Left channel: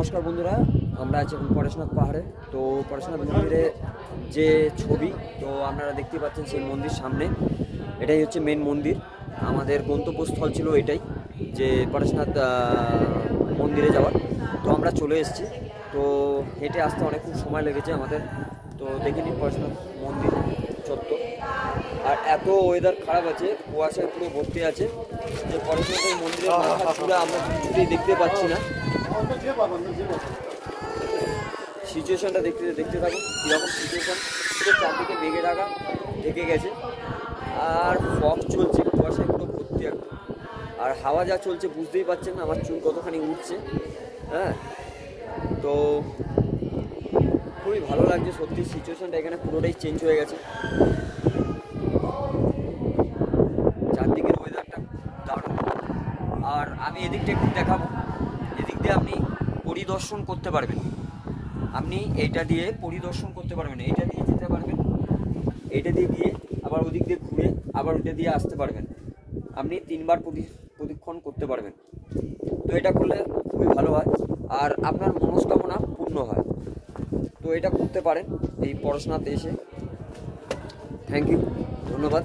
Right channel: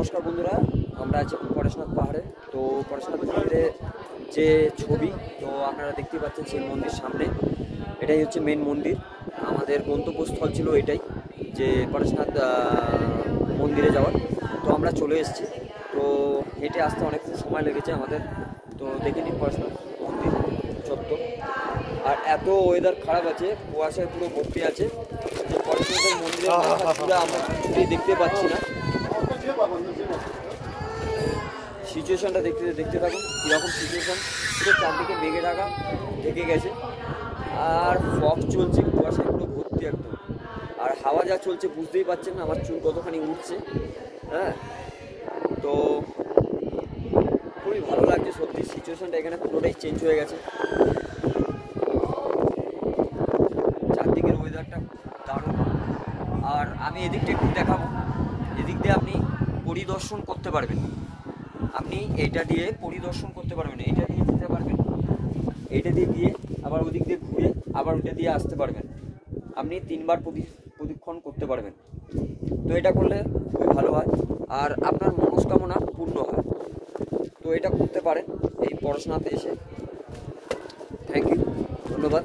নমস্কার বন্ধুরা, আমরা আছি এখন পরেশনাথ পাহাড়ে। তো পরেশনাথ মন্দিরে যে ছবি তো আপনারা দেখতে পাচ্ছেন সেই মন্দির সামনে, এটাই হচ্ছে মেন মন্দির। আমাদের গন্তব্যস্থল ছিল এটাই, যে পরেশনাথ মন্দিরে যাওয়ার। তো আমরা চলে এসেছি। তো হেঁটে আসতে অনেকক্ষণ সময় লেগেছে আমাদের। তো দেখে নিন পরেশনাথ মন্দির চত্বর। আর এত ওয়েদার খারাপ আছে, কুয়াশায় পুরো ভর্তি আছে যে পরেশনাথের মন্দিরের মাথা চূড়া আমরা কিছুতেই দেখতে পাচ্ছি না। সিচুয়েশনটা দেখতে থাকুন কীরকম সিচুয়েশন। পুরো চারদিকে মেঘে ঢেকে গেছে, আর ফগ চলছে, কুয়াশায় পুরো ভর্তি একদম। আর হাওয়া যা চলছে বুঝতেই পারছেন না আমার চুল কতখানি উঠছে। হ্যাঁ, তো খুবই ভালো লাগছে সত্যি। সিচুয়েশনটা এখানে পুরোটাই চেঞ্জ হয়ে গেছে। চারদিকের ওয়েদারটা দারুণ। আর আমি এদিকটা একটু দেখাবো, এদিক দিয়ে আপনি পরিদর্শন করতে পারবেন। আপনি এইটা দিয়ে পরিদর্শন করতে পারবেন, এইটা দিয়ে যেতে পারবেন, এইটা দিয়ে গিয়ে আবার ওদিক দিয়ে ঘুরে আবার ওইটা দিয়ে আসতে পারবেন। আপনি 3 বার প্রদক্ষিণ করতে পারবেন। তো এটা করলে খুবই ভালো হয় আর আপনার মনস্কামনা পূর্ণ হয়। তো এটা করতে পারেন এই পরেশনাথে এসে। থ্যাংক ইউ, ধন্যবাদ।